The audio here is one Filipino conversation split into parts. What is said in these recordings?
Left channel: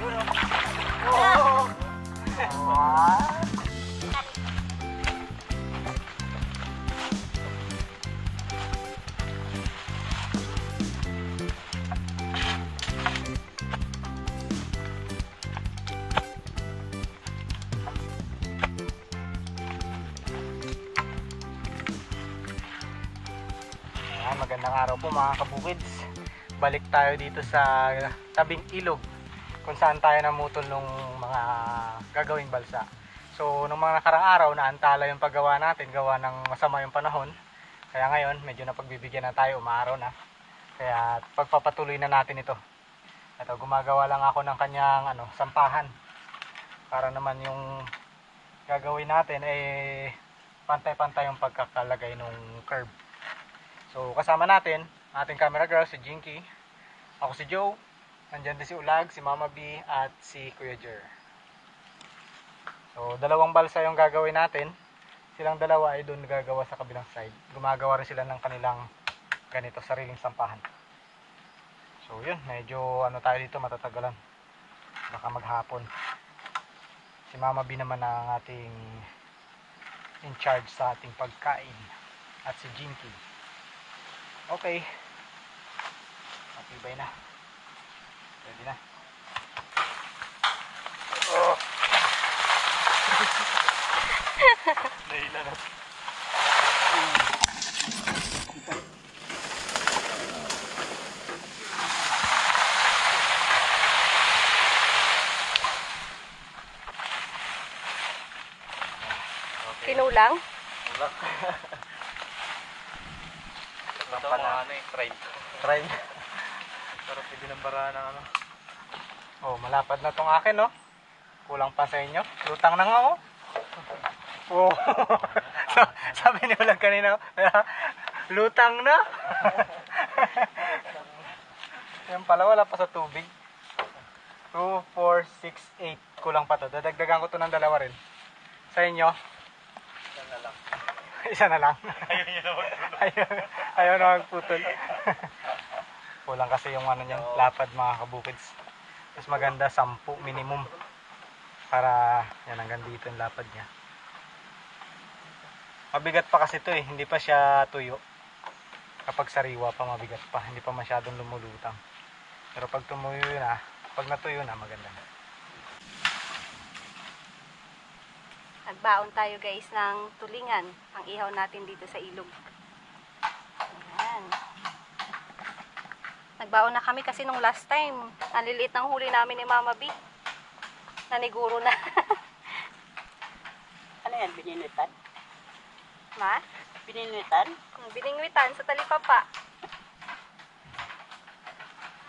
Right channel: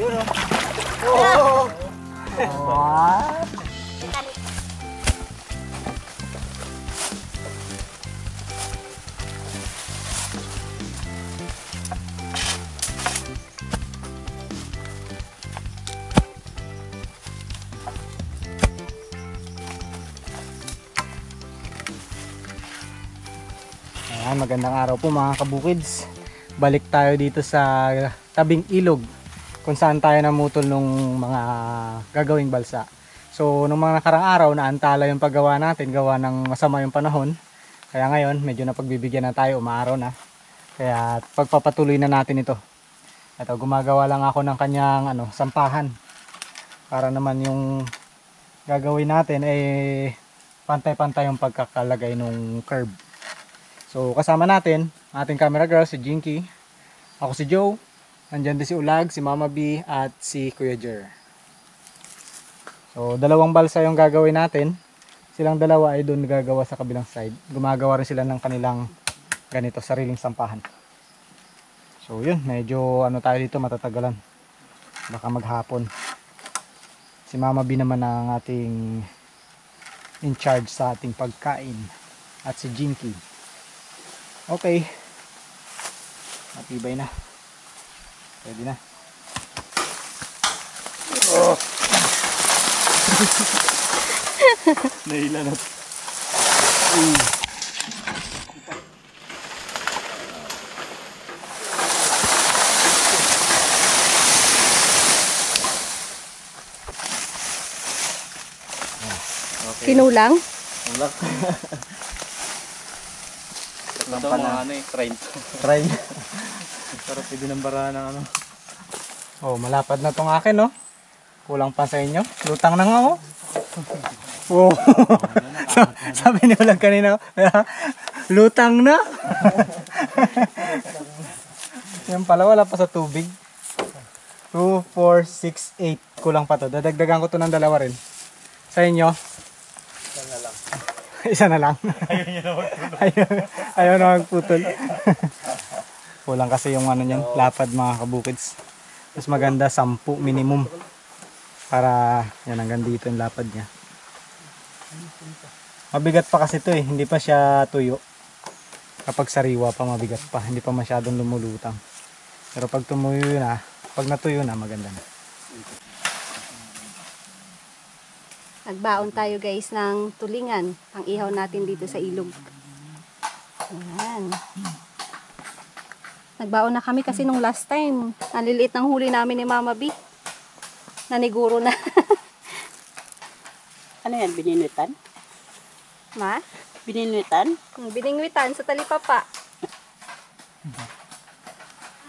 Yun o. What? Magandang araw po mga kabukids. Balik tayo dito sa tabing ilog kung saan tayo namutol nung mga gagawing balsa. So nung mga nakarang araw naantala yung paggawa natin, gawa ng masama yung panahon. Kaya ngayon medyo napagbibigyan na tayo, umaaraw na. Kaya pagpapatuloy na natin ito. Ito, gumagawa lang ako ng kanyang sampahan para naman yung gagawin natin pantay-pantay yung pagkakalagay ng curve. So kasama natin, ating camera girl, si Jinky, ako si Joe, nandyan din si Ulag, si Mama B, at si Kuya Jer. So dalawang balsa yung gagawin natin, silang dalawa ay doon gagawa sa kabilang side. Gumagawa rin sila ng kanilang ganito, sariling sampahan. So yun, medyo tayo dito, matatagalan. Baka maghapon. Si Mama B naman ang ating in charge sa ating pagkain. At si Jinky. Okay. Matibay na. Pwede na. Oh. Nahila na. Okay. Kinulang? Kinulang. Ito mga train. Train. Pero pwede ng barahan ng Oh, malapad na tong akin, no? Kulang pa sa inyo. Lutang na nga, oh. Oh. Sabi ni Ulag kanina, lutang na. Yan pala, wala pa sa tubig. 2, 4, 6, 8. Kulang pa to. Dadagdagan ko to ng dalawa rin. Sa inyo? Isa na lang. Ayaw na magputol. Kulang kasi yung niyan, lapad mga kabukids. Mas maganda 10 minimum. Para yan hanggang dito yung lapad niya. Mabigat pa kasi ito hindi pa siya tuyo. Kapag sariwa pa mabigat pa, hindi pa masyadong lumulutang. Pero pag tumuyo na, pag natuyo na maganda na. Nagbaon tayo guys ng tulingan. Ang ihaw natin dito sa ilog. Ayan. Nagbaon na kami kasi nung last time. Naliliit ng huli namin ni Mama B. Naniguro na. Ano yan? Bininwitan? Ma? Bininwitan? Biningwitan sa talipapa.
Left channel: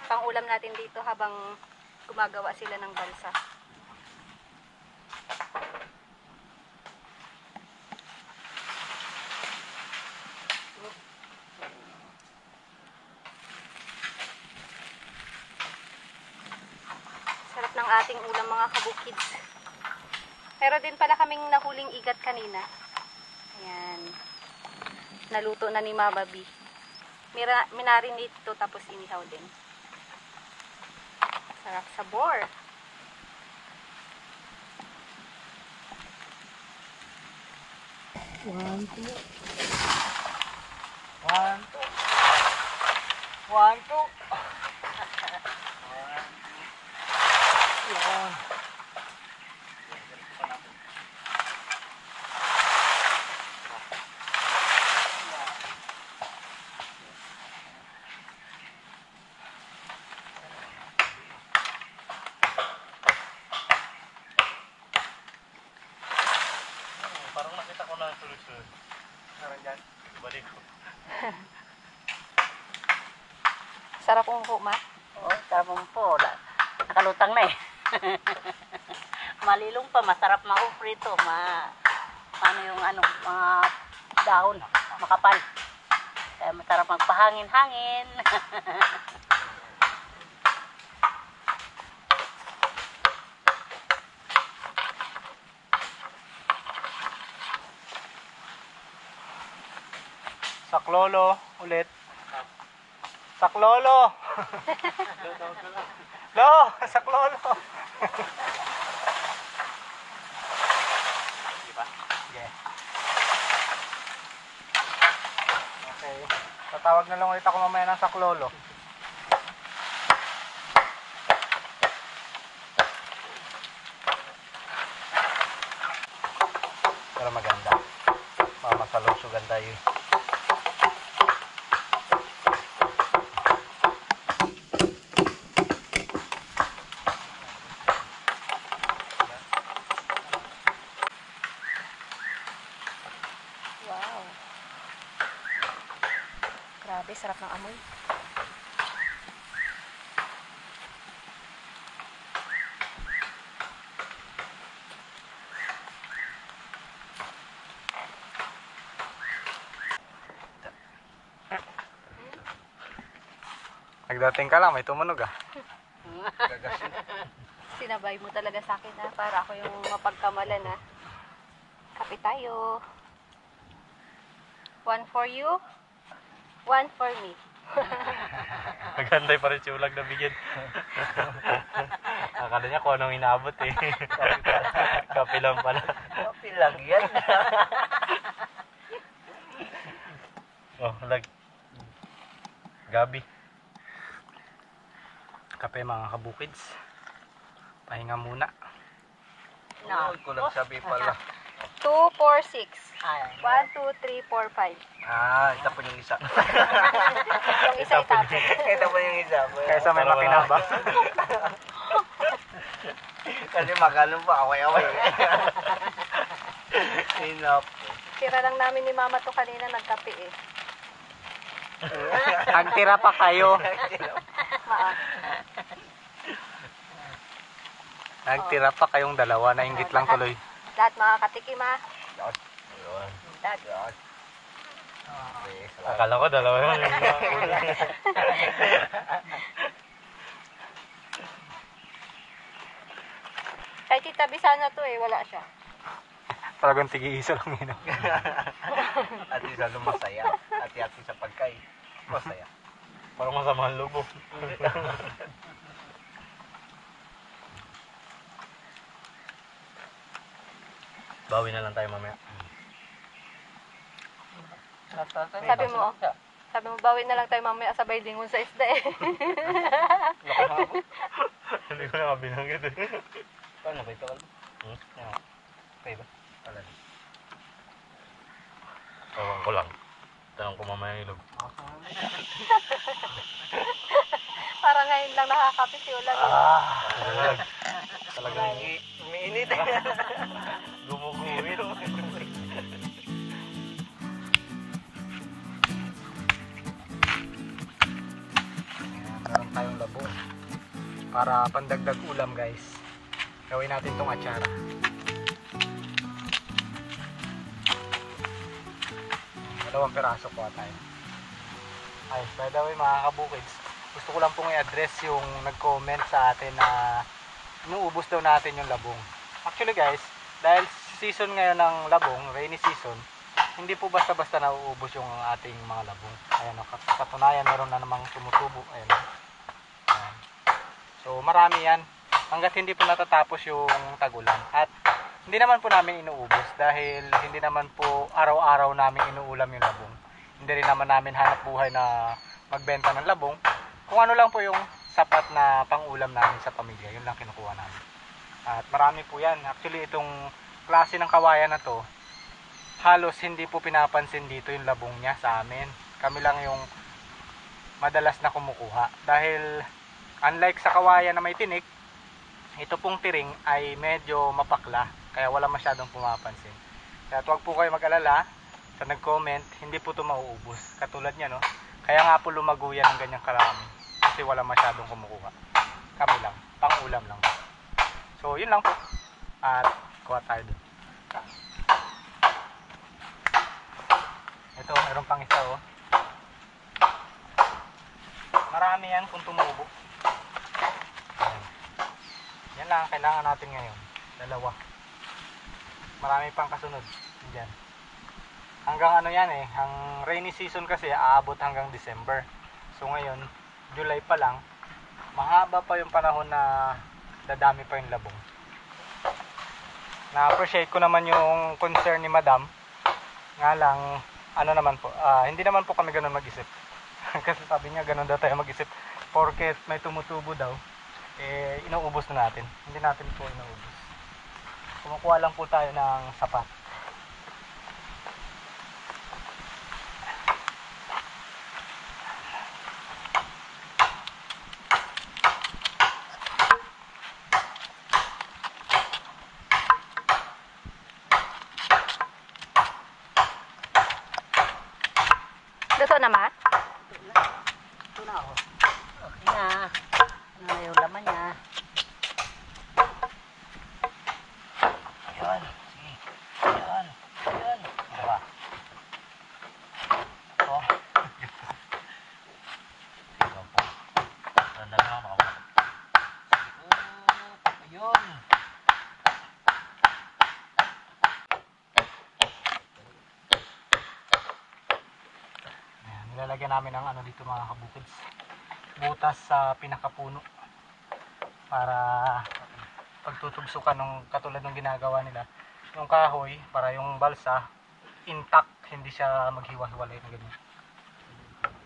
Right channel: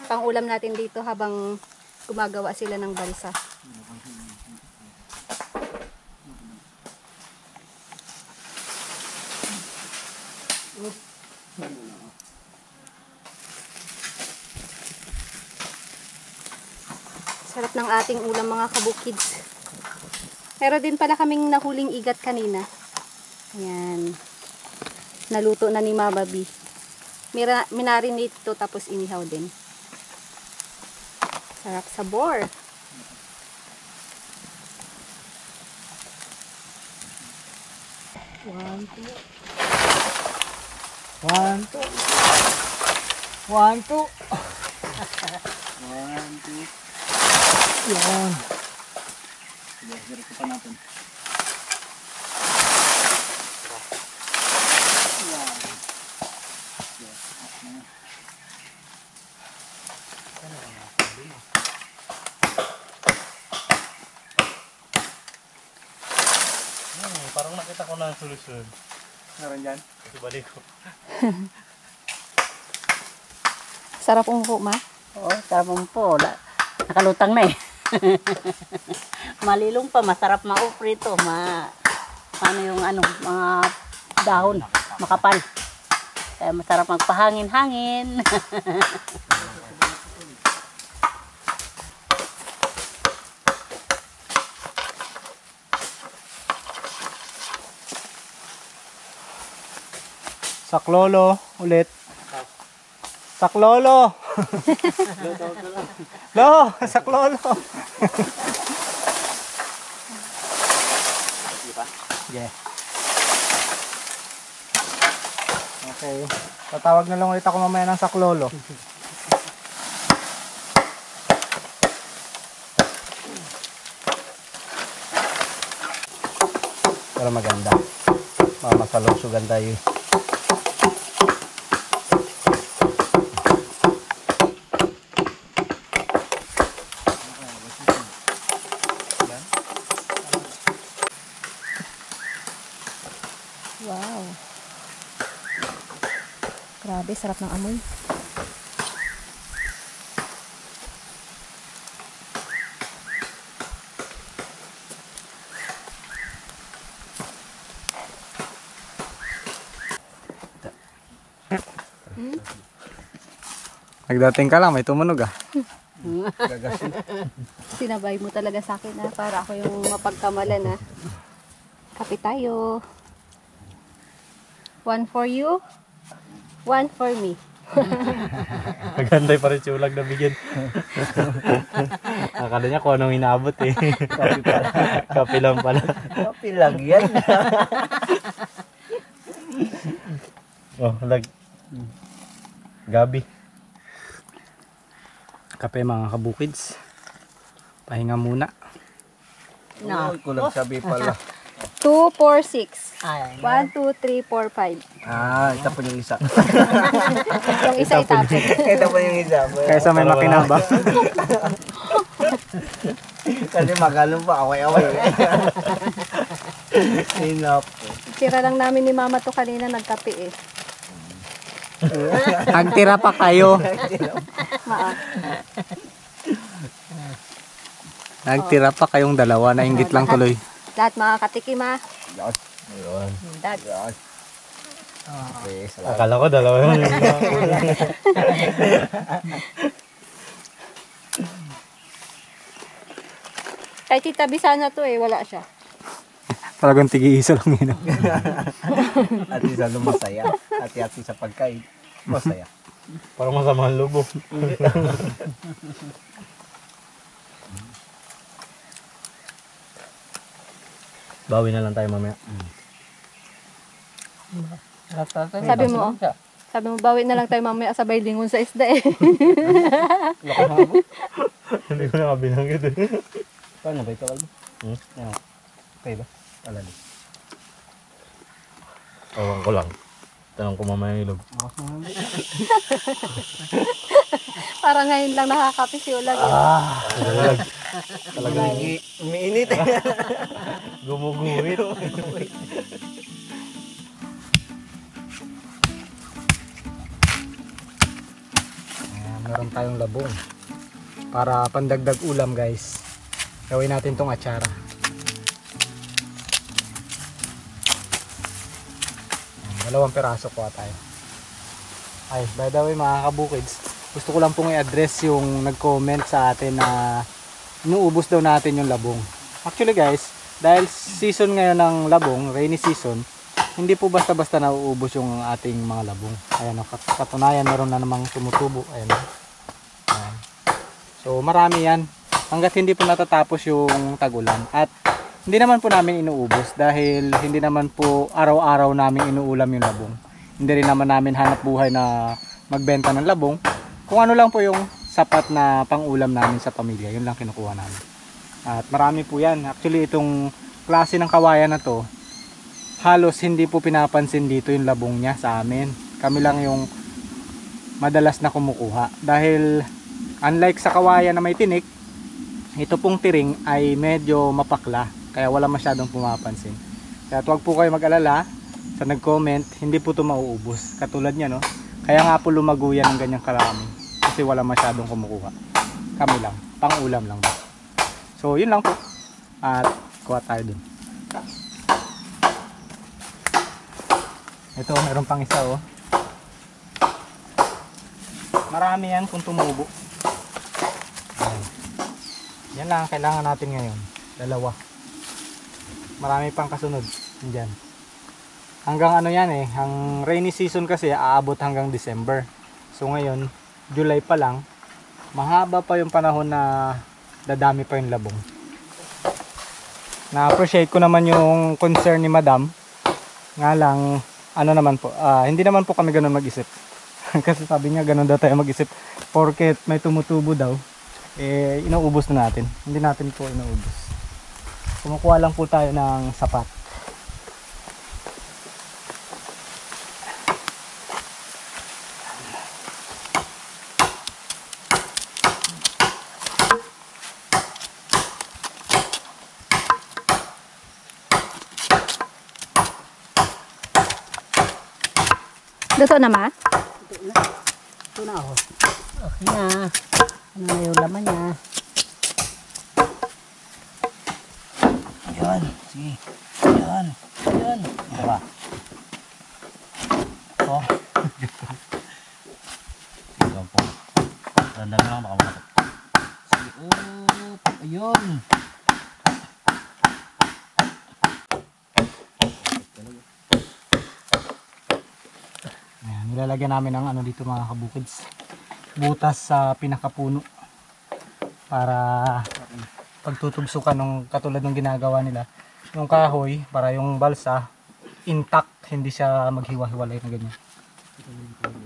Pang ulam natin dito habang gumagawa sila ng balsa. Sarap ng ating ulam mga kabukids. Meron din pala kaming nahuling igat kanina. Ayan. Naluto na ni Mama B. Minarinate ito tapos inihaw din. Sarap sabor. One, two. 1, 2. 1, 2. 1, 2. Yan. Diretso pa natin. Parang nakita ko na ang solusyon. Meron dyan? Balik ko. Sarap umupo, Ma. Oo, sarap po. Nakalutang na eh. Malilong pa, masarap mauprito. Ano yung mga dahon, makapal. Kaya masarap magpahangin-hangin. Saklolo ulit. Saklolo. Lo, saklolo. Yeah. Okay. Tatawag na lang ulit ako mamaya ng saklolo. Para maganda. Mamasalusugan tayo. Wow. Grabe, sarap ng amoy. Nagdating ka lang, may tumunog ah. Sinabay mo talaga sa akin na para ako yung mapagkamalan na. Kape tayo. One for you, one for me. Maganda pa rin siulag na bigyan. Akala niya kung anong inaabot eh. Kape lang pala. Kapi lang yan. Oh, Gabi. Kape mga kabukids. Pahinga muna. No. Kulang sabi pala. 2, 4, 6. Ay, 1, 2, 3, 4, 5. Ito po yung isa. Yung isa itapon. Ito po yung isa. Kaysa may makinaba. Kasi magalong pa, away-away. Sinap. Tira lang namin ni mama to kanina nagkape eh. Nagtira pa kayo. Maa. Nagtira pa kayong dalawa. Nainggit lang tuloy. Lahat makakatikim ha. Ayun. Dad. Okay, salamat. Akala ko dalawa yun. Kay Tita Bisana to eh, wala siya. Talagang tigi-isa lang yun. At isa masaya. Hati-hati sa pagkain. Masaya. Parang masama ang lobo. Bawi na lang tayo mamaya. Sabi mo bawi na lang tayo mamaya sabay lingon sa isda eh. Hindi ko nakabilang ito eh. Paano ba ito, Albo? Okay ba? Alali. Ewan ko lang. Tanong ko mamaya yung ilog. Parang ngayon lang nakakape si Ulag. Talagang Umiinit eh. gumuguhit. Meron tayong labong. Para pandagdag ulam guys. Gawin natin tong atsara. Dalawang peraso kuha tayo. Ay, by the way mga kabukids, gusto ko lang pong i-address yung nag-comment sa atin na inuubos daw natin yung labong. Actually guys, dahil season ngayon ng labong, rainy season, hindi po basta-basta nauubos yung ating mga labong. Ayan, katunayan meron na namang tumutubo. Ayan. Ayan. So marami yan. Hanggat hindi po natatapos yung tag-ulan. At hindi naman po namin inuubos dahil hindi naman po araw-araw namin inuulam yung labong. Hindi rin naman namin hanap buhay na magbenta ng labong. Kung ano lang po yung sapat na pang-ulam namin sa pamilya, yun lang kinukuha namin. At marami po yan. Actually itong klase ng kawayan na to, halos hindi po pinapansin dito yung labong niya sa amin. Kami lang yung madalas na kumukuha. Dahil unlike sa kawayan na may tinik, ito pong tiring ay medyo mapakla. Kaya wala masyadong pumapansin. Kaya huwag po kayo mag-alala sa nag-comment, hindi po ito mauubos. Katulad niya, no? Kaya nga po lumago yan ng ganyang karami. Kasi wala masyadong kumukuha. Kami lang. Pang-ulam lang. So, yun lang po. At kuha tayo dun. Ito, meron pang isa, oh. Marami yan kung tumubo. Ayan. Yan lang ang kailangan natin ngayon. Dalawa. Marami pang kasunod dyan. Hanggang ano yan eh, ang rainy season kasi aabot hanggang December. So ngayon, July pa lang, mahaba pa yung panahon na dadami pa yung labong. Na-appreciate ko naman yung concern ni Madam. Nga lang, ano naman po, hindi naman po kami ganun mag-isip. Kasi sabi niya ganun daw tayo mag-isip. Porket may tumutubo daw, eh inuubos na natin. Hindi natin po inuubos. Kumukuha lang po tayo ng sapat. Luto na, ma? Ito na oh. Okay na. Ano na yung laman niya? Yan. Sige. Yan. Yan. Ito ba? Ito. Sige po. Dandan lang baka makatot. Sige. Ayun. Ayan, nilalagyan namin ng ano dito mga kabukids. Butas sa pinakapuno. Para pagtutugsukan ng katulad ng ginagawa nila. Yung kahoy, para yung balsa intact, hindi siya maghiwa-hiwalay na ganyan.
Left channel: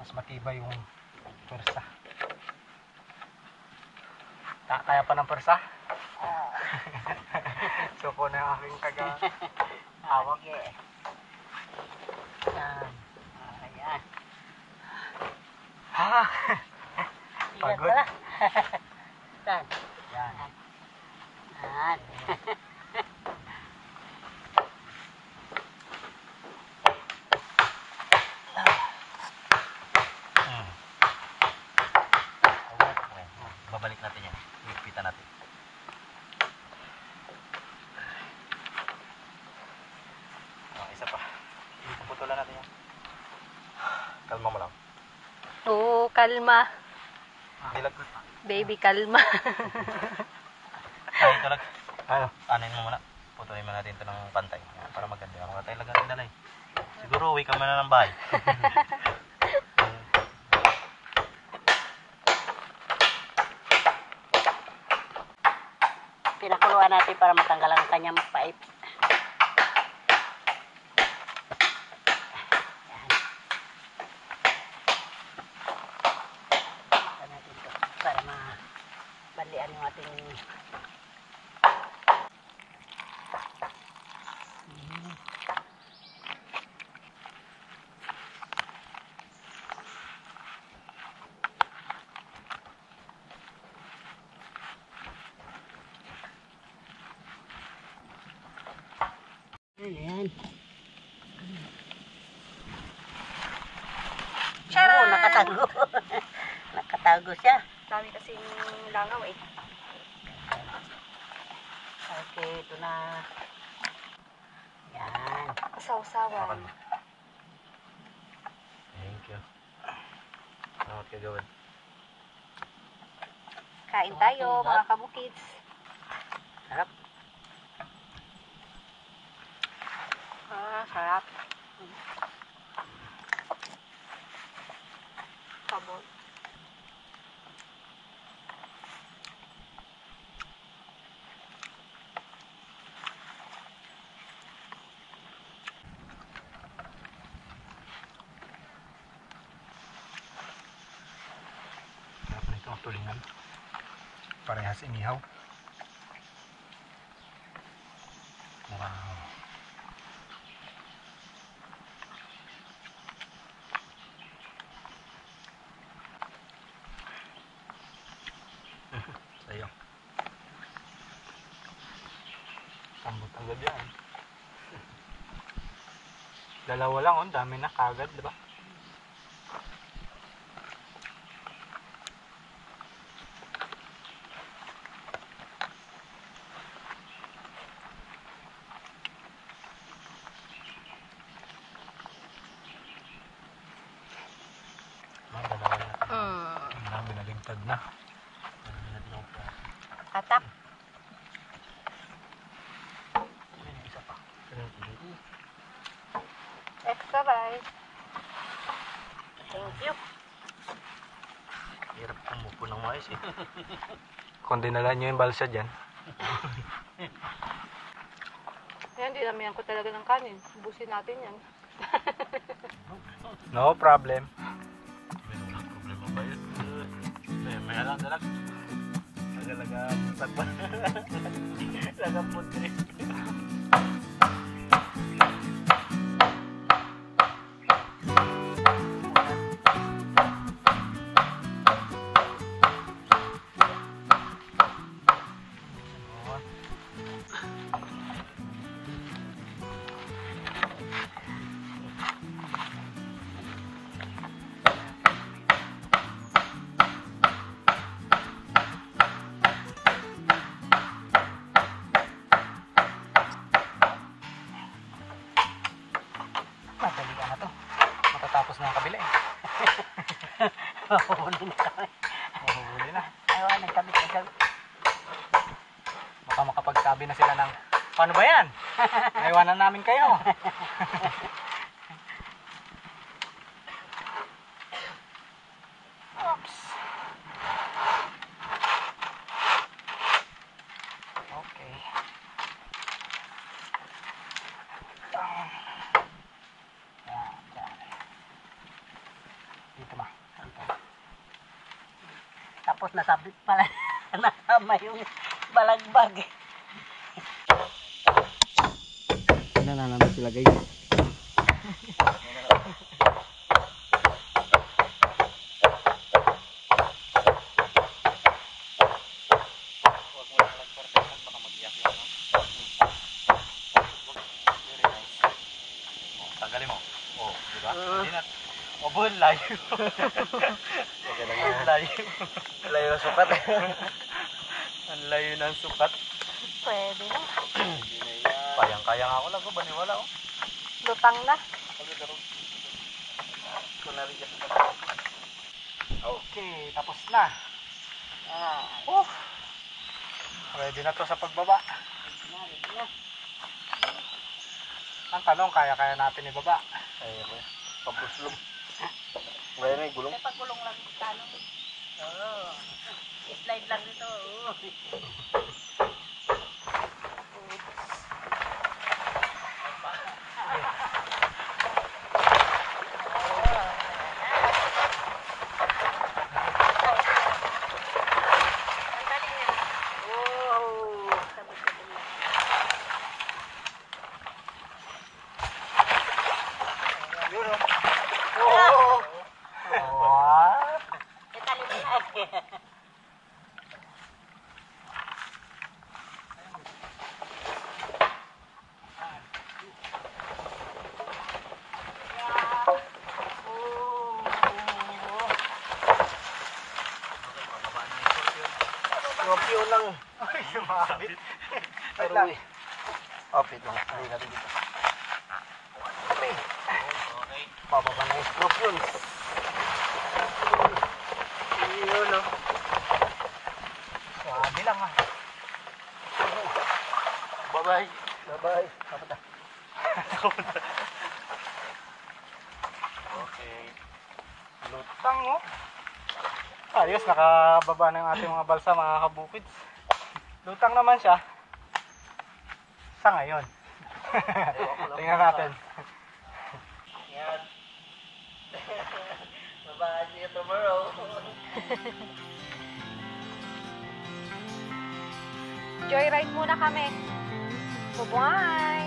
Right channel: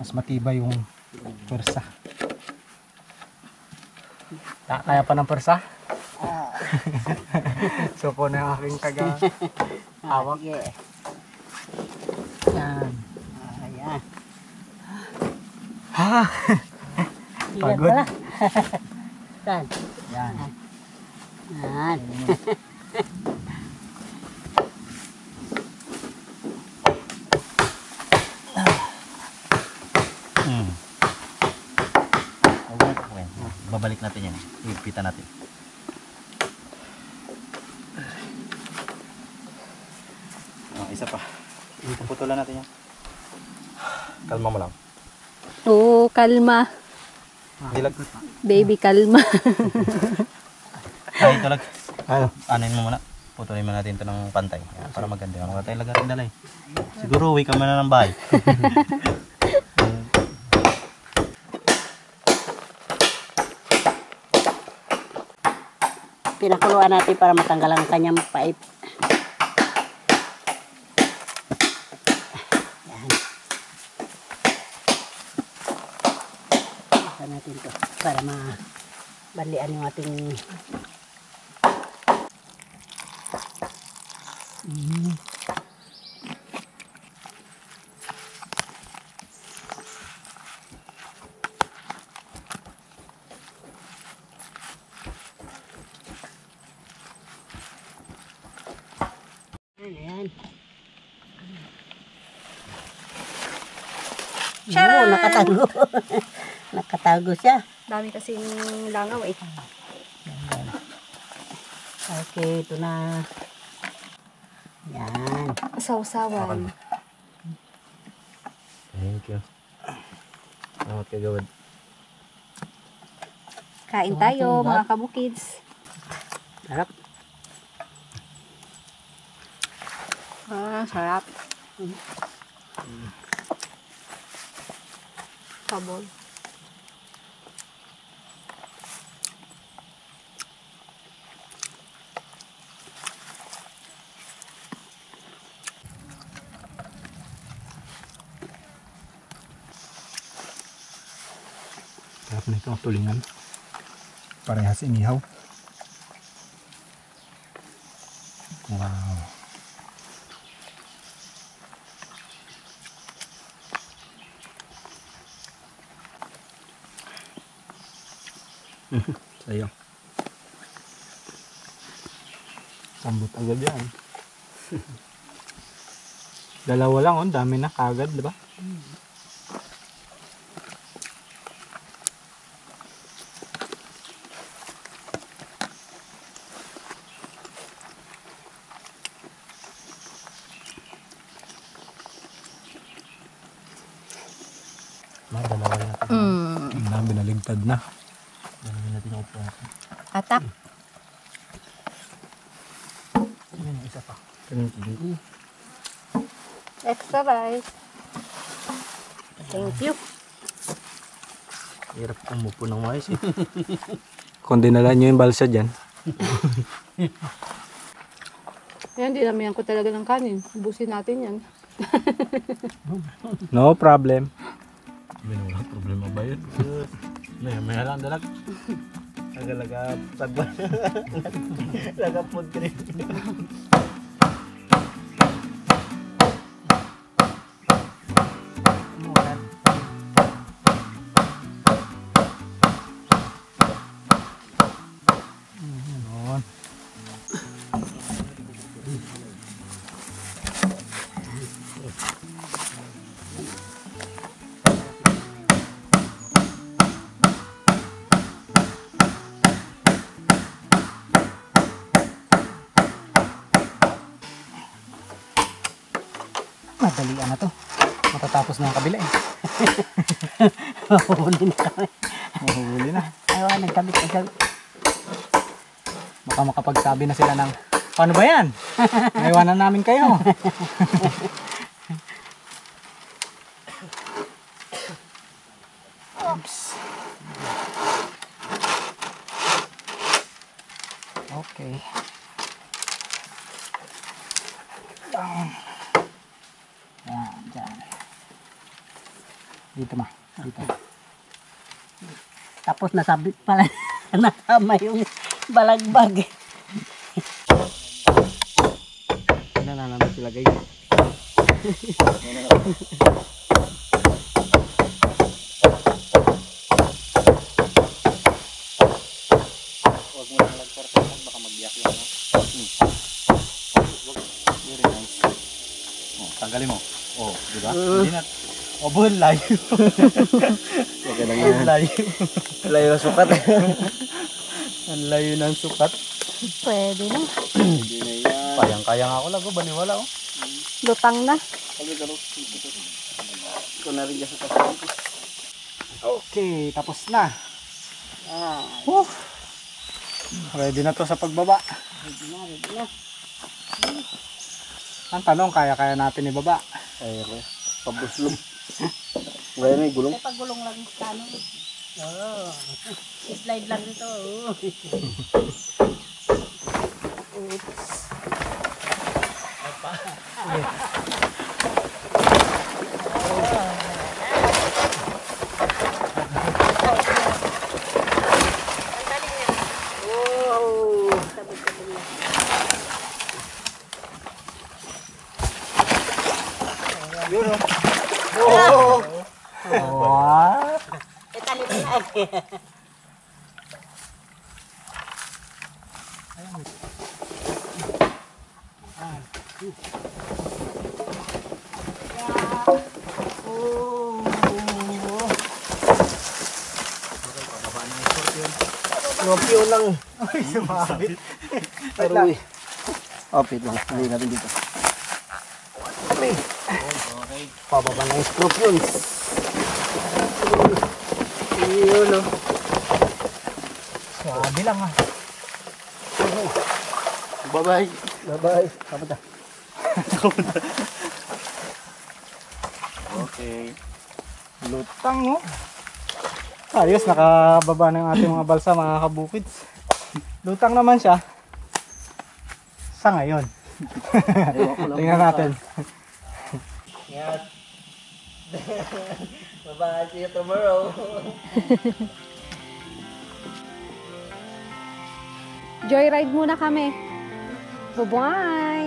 Mas matibay yung persa. Kaya pa ng persa? So po na yung aking taga-hawak. Sige. Yan. Ayan. Ha! Iyan Pagod. pala. Saan? Yan. Yan. Babalik natin yan. Ipita natin. Isa pa. Puputulan natin yan. Kalma mo lang. Oo, kalma. Dilag. Baby, kalma. Ay, ito lag. Ano? Anin mo muna. Putulin mo natin ito ng pantay. Para maganda. Mga tayo lagarin dalay. Siguro uwi ka muna ng bahay. Pinakuluan natin para matanggal ang kanyang pipe. Yan. Buksan natin ito para mabalian yung ating Ayan. Oo, nakatago. Nakatago siya. Dami kasing langaw eh. Okay, ito na. Yan. Sausawan. Thank you. Salamat ka gawad. Kain tayo mga kabukids. Sarap. Sarap. Sabon. Sarap nito, tulingan. Parehas inihaw. Wow. Sa'yo. Sambot agad yan. Dalawa lang, oh, dami na kagad, di ba? Dalawa na natin. Ang dami naligtad na. Dalawa natin yung upo natin. Atak. Ayan, isa pa. Extra rice. Thank you. Hirap umupo ng mais eh. Kung dinala nyo yung balsa dyan. Yan, dinamihan ko talaga ng kanin. Ubusin natin yan. No problem. May wala problema ba yun? May lang dalag. Nagalaga sagwa. Laga food trip. Madalian na to. Matatapos na ang kabila eh. Mahuli na kami. Mahuli na. Ayaw, nagkabit. Baka makapagsabi na sila ng, paano ba yan? Naiwanan namin kayo. Oops. Okay. Down. Yan, dyan. Dito ma. Dito. Tapos nasabit pala nakama yung balagbag. Ano na namin sila guys. Huwag mo nalang perfect baka magbiyak yung ano. Very nice. Oh, tanggalin mo. Oh, di ba? Hindi na. Oh, buhol layo. Okay lang yan. Layo. Layo ng sukat. Ang layo ng sukat. Pwede na. Kayang-kaya nga ako lang. Baniwala oh. Lutang na. Okay, tapos na. Woo. Ready na to sa pagbaba. Ready na. Ang tanong, kaya natin ibaba. Ay, pabuslog. Ngayon may gulong. May pagulong lang sa ano. Oo. Slide lang dito. Wow. Scorpio lang. Ay, sumabit. Aroy. Opit lang. Hindi natin dito. Okay. Pababa ng scorpions. Yun o. Swabe lang ah. Bye-bye. Bye-bye. Kapunta. Okay. Lutang no. Ayos, nakababa na yung ating mga balsa mga kabukids. Lutang naman siya. Sa ngayon. Tingnan natin. Bye-bye. See you tomorrow. Joyride muna kami. Bye-bye!